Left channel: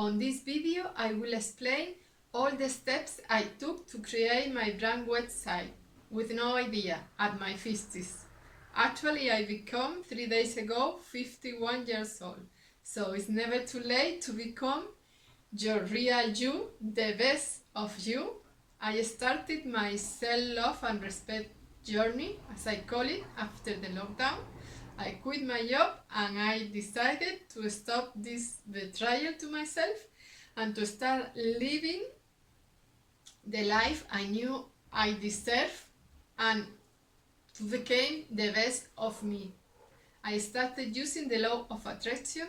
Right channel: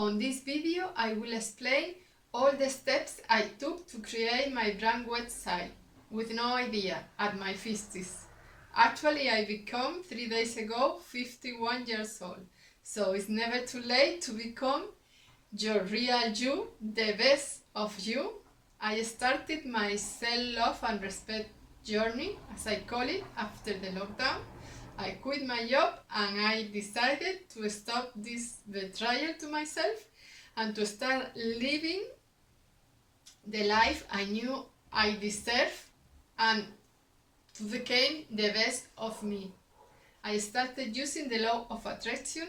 On this video, I will explain all the steps I took to create my brand website with no idea at my 50s. Actually, I became 3 days ago 51 years old, so it's never too late to become your real you, the best of you. I started my self-love and respect journey, as I call it, after the lockdown. I quit my job and I decided to stop this betrayal to myself and to start living the life I knew I deserved and to become the best of me. I started using the law of attraction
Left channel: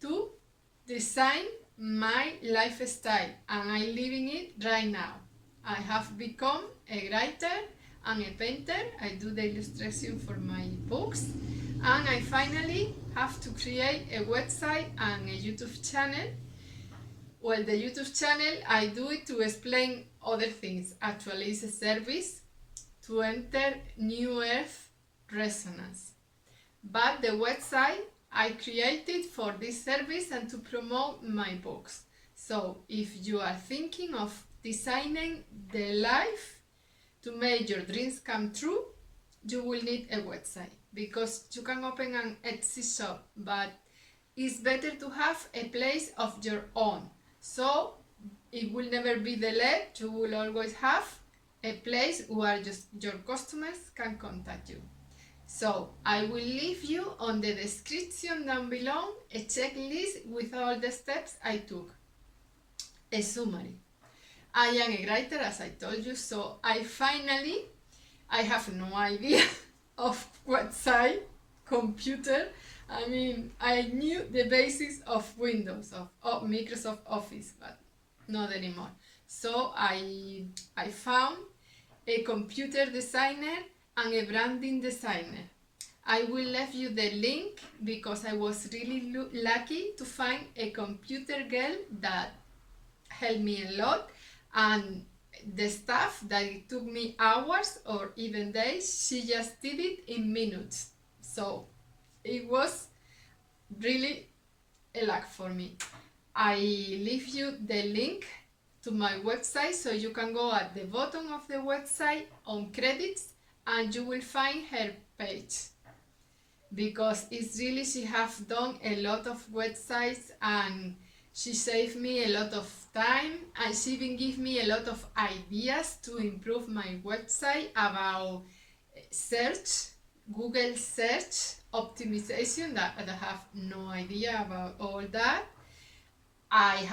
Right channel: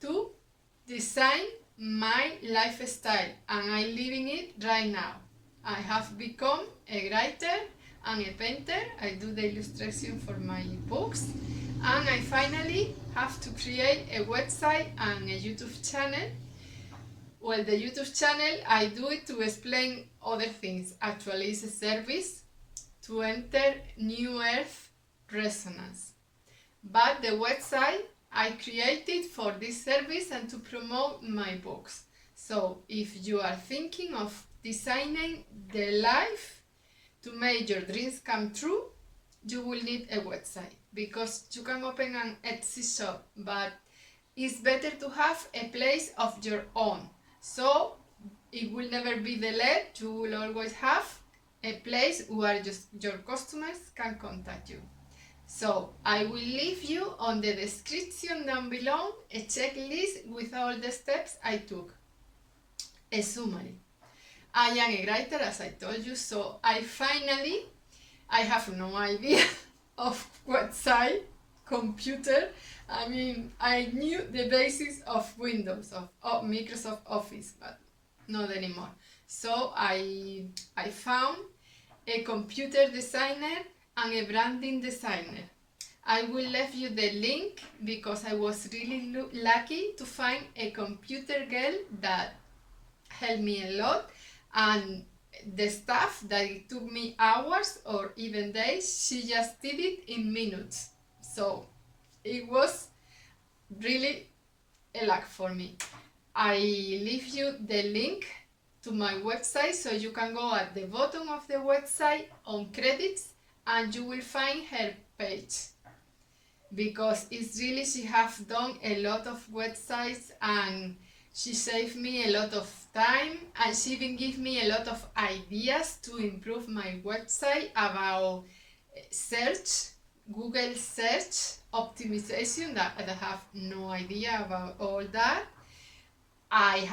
to design my lifestyle and I live in it right now. I have become a writer and a painter. I do the illustration for my books and I finally have to create a website and a YouTube channel. Well, the YouTube channel, I do it to explain other things. Actually, it's a service to enter New Earth resonance. But the website I created for this service and to promote my books. So if you are thinking of designing the life to make your dreams come true, you will need a website because you can open an Etsy shop, but it's better to have a place of your own. So it will never be delayed. You will always have a place where just your customers can contact you. So I will leave you on the description down below a checklist with all the steps I took. A summary. I am a writer, as I told you, so I have no idea of website, computer. I mean, I knew the basics of Windows, of Microsoft Office, but not anymore. So I found a computer designer and a branding designer. I will leave you the link because I was really lucky to find a computer girl that helped me a lot, and the stuff that it took me hours or even days, she just did it in minutes. So it was really a luck for me. I leave you the link to my website, so you can go at the bottom of the website on credits and you will find her page, because it's really, she have done a lot of websites and she saved me a lot of time and she even give me a lot of ideas to improve my website about search, Google search optimization, that I have no idea about all that. I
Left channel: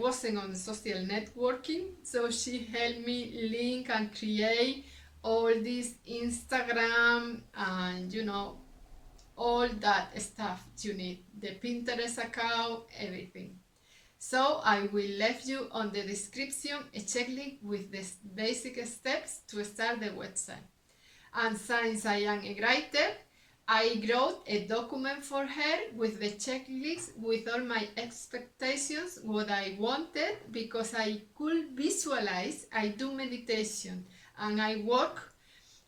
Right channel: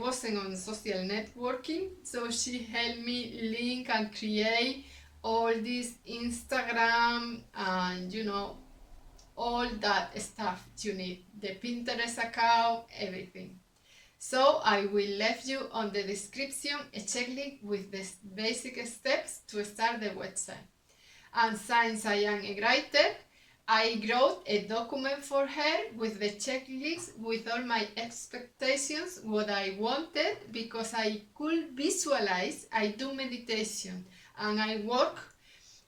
wasn't on social networking, so she helped me link and create all this Instagram and all that stuff you need, the Pinterest account, everything. So I will leave you on the description a checklist with the basic steps to start the website. And since I am a writer, I wrote a document for her with the checklist with all my expectations, what I wanted, because I could visualize. I do meditation and I work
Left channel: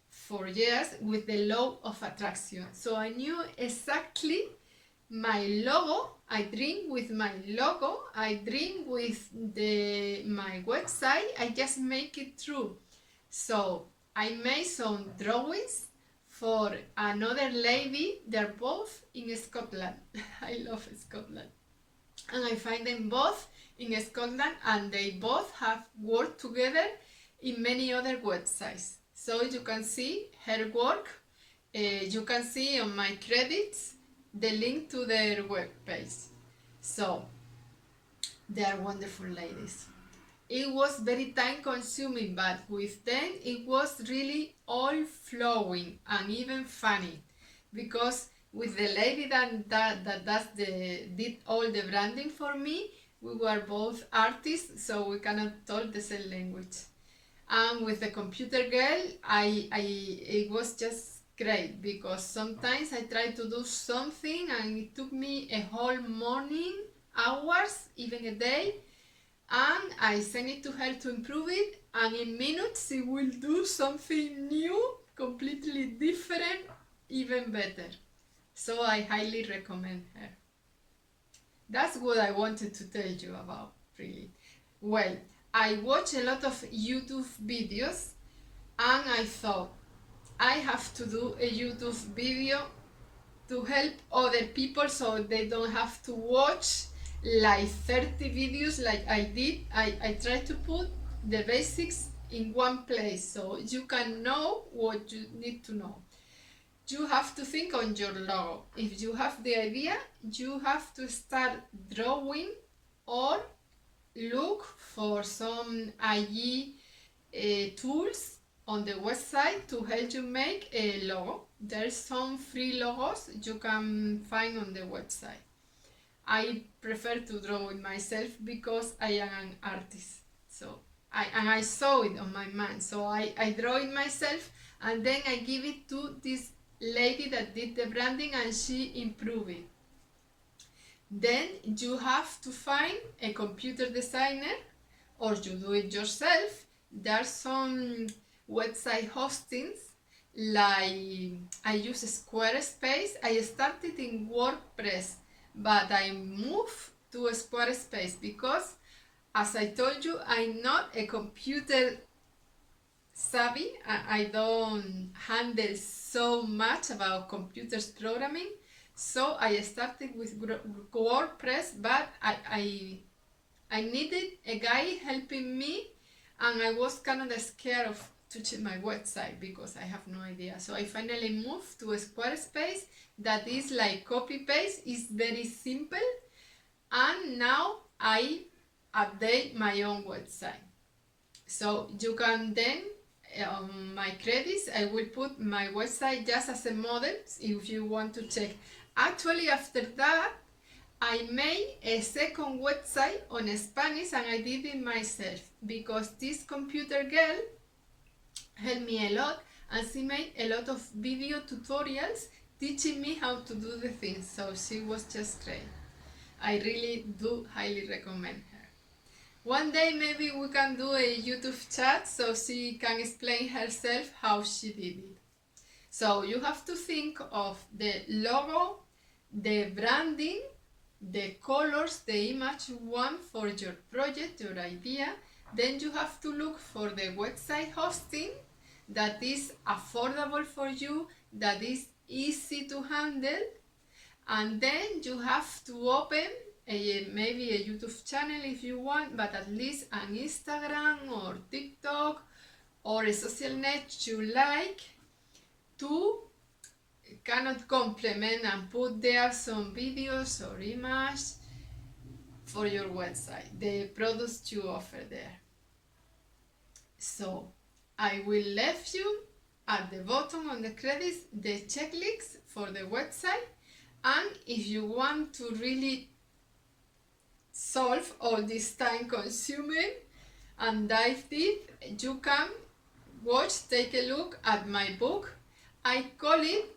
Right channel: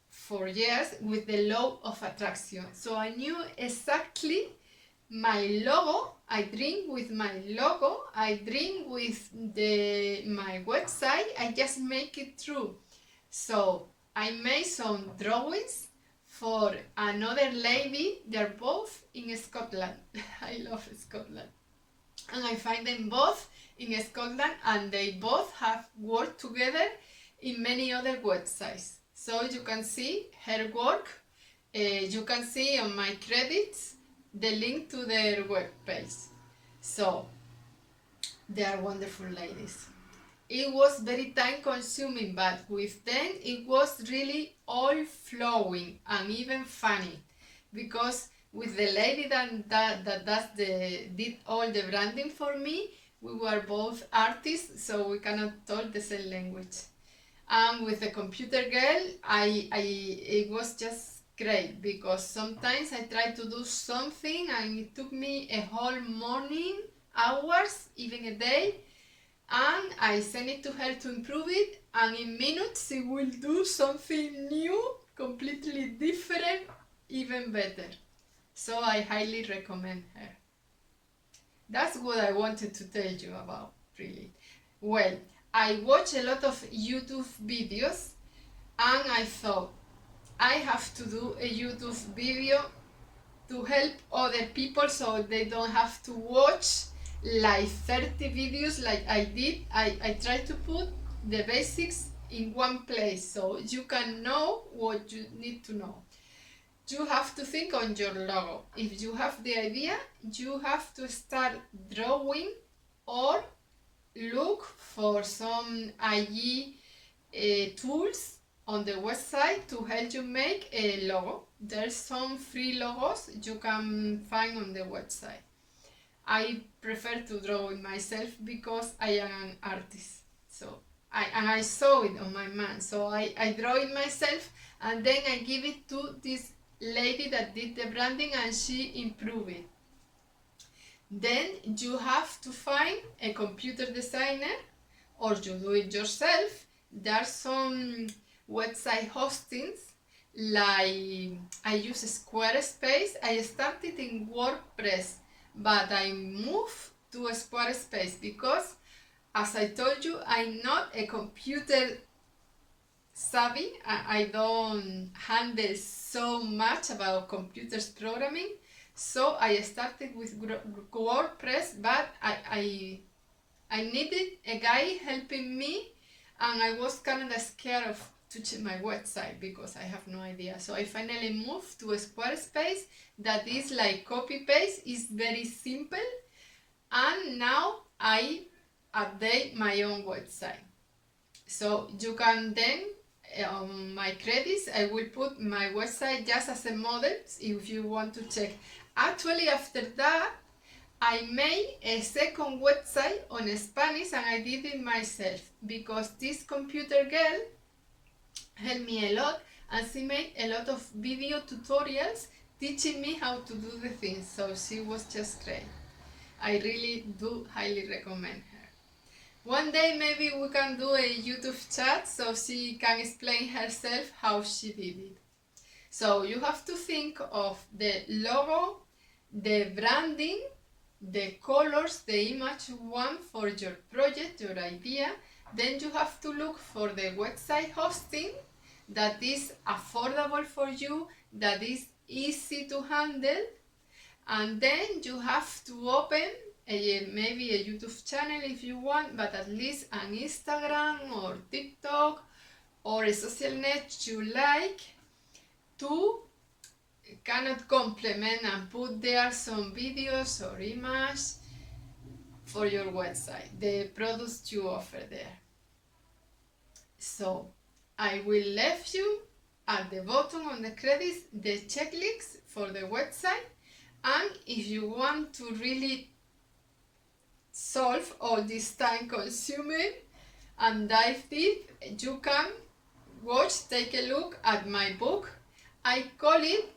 for years with the law of attraction. So I knew exactly my logo. I dream with my logo. I dream with my website. I just make it true. So I made some drawings for another lady. They're both in Scotland. I love Scotland. And I find them both in Scotland and they both have worked together in many other websites. So you can see her work. You can see on my credits the link to their webpage. So they are wonderful ladies. It was very time consuming, but with them it was really all flowing and even funny, because with the lady that did all the branding for me, we were both artists, so we cannot talk the same language. And with the computer girl, it was just great, because sometimes I try to do something and it took me a whole morning, hours, even a day, and I send it to her to improve it, and in minutes she will do something new, completely different, even better. So I highly recommend her. That's what I wanted to tell you about, really. Well, I watch a lot of YouTube videos and I thought I have to do a YouTube video to help other people so they don't have to watch like 30 videos like I did. I try to put the basics in one place so you can know what you need to know. You have to think on your logo. If you have the idea, you have to start drawing or look for some IE tools on the website to help you make a logo. There's some free logos you can find on the website. I prefer to draw it myself because I am an artist. So I saw it on my man. So I draw it myself and then I give it to this lady that did the branding and she improved it. Then you have to find a computer designer or you do it yourself. There are some website hostings like I use Squarespace. I started in WordPress, but I moved to Squarespace because, as I told you, I'm not a computer savvy. I don't handle so much about computers programming. So I started with WordPress, but I needed a guy helping me and I was kind of scared of touching my website because I have no idea. So I finally moved to a Squarespace that is like copy paste, is very simple, and now I update my own website. So you can then on my credits I will put my website just as a model if you want to check. Actually, after that I made a second website on Spanish and I did it myself because this computer girl helped me a lot and she made a lot of video tutorials teaching me how to do the things. So she was just great. I really do highly recommend her. One day maybe we can do a YouTube chat so she can explain herself how she did it. So you have to think of the logo, the branding, the colors, the image you want for your project, your idea. Then you have to look for the website hosting that is affordable for you, that is easy to handle, and then you have to open maybe a YouTube channel if you want, but at least an Instagram or TikTok or a social net you like to cannot complement and put there some videos or images for your website, the products you offer there. So I will leave you at the bottom on the credits the checklist for the website, and if you want to really solve all this time consuming and dive deep, you can take a look at my book. I call it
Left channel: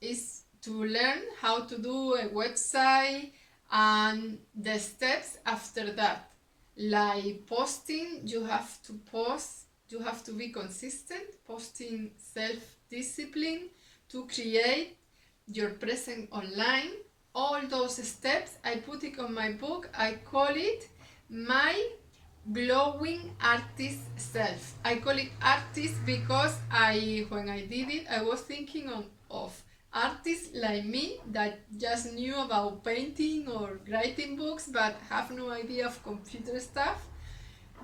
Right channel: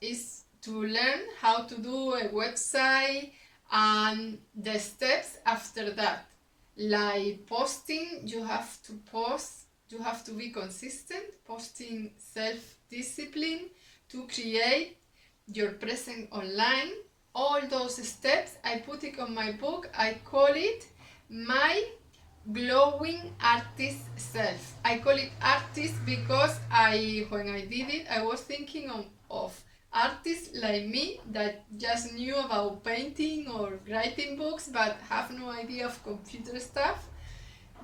is to learn how to do a website and the steps after that. Like posting, you have to post, you have to be consistent, posting, self-discipline to create your presence online. All those steps, I put it on my book. I call it my glowing artist self. I call it artist because when I did it, I was thinking of artists like me that just knew about painting or writing books but have no idea of computer stuff.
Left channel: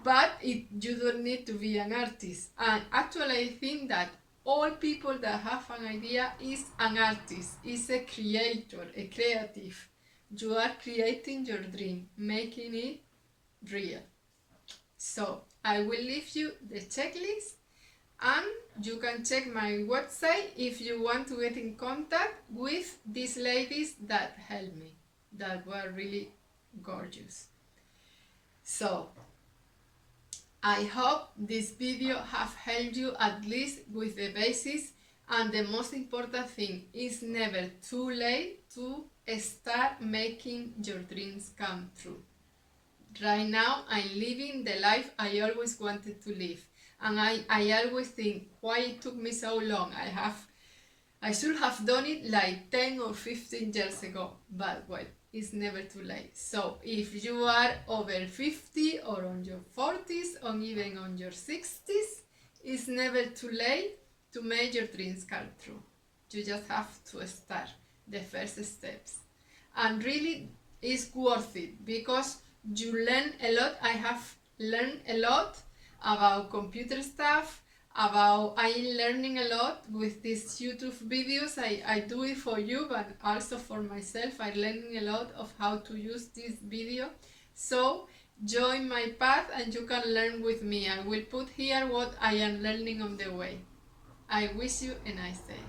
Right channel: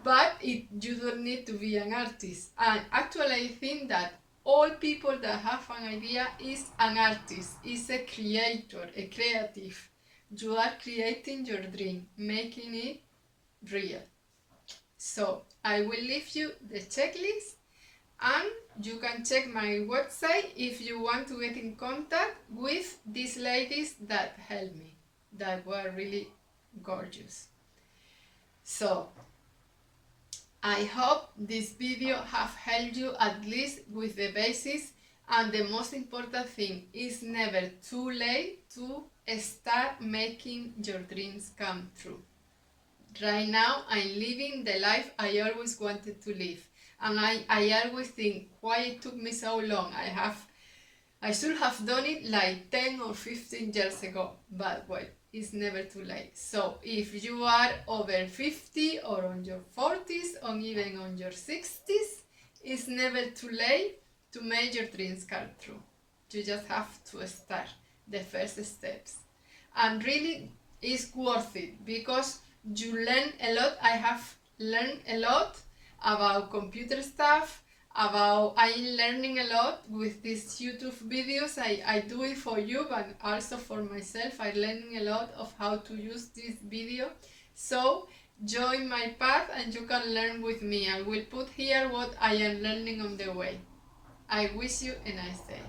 But you don't need to be an artist. And actually I think that all people that have an idea is an artist, is a creator, a creative. You are creating your dream, making it real. So I will leave you the checklist and you can check my website if you want to get in contact with these ladies that helped me, that were really gorgeous. So I hope this video have helped you at least with the basics, and the most important thing is never too late to start making your dreams come true. Right now I'm living the life I always wanted to live, and I always think why it took me so long. I should have done it like 10 or 15 years ago, but well, it's never too late. So if you are over 50 or on your 40s or even on your 60s, it's never too late to make your dreams come true. You just have to start the first steps. And really, it's worth it because you learn a lot. I have learned a lot about computer stuff, about I'm learning a lot with these YouTube videos. I do it for you, but also for myself. I'm learning a lot of how to use this video. So join my path and you can learn with me. I will put here what I am learning on the way. I wish you a nice day.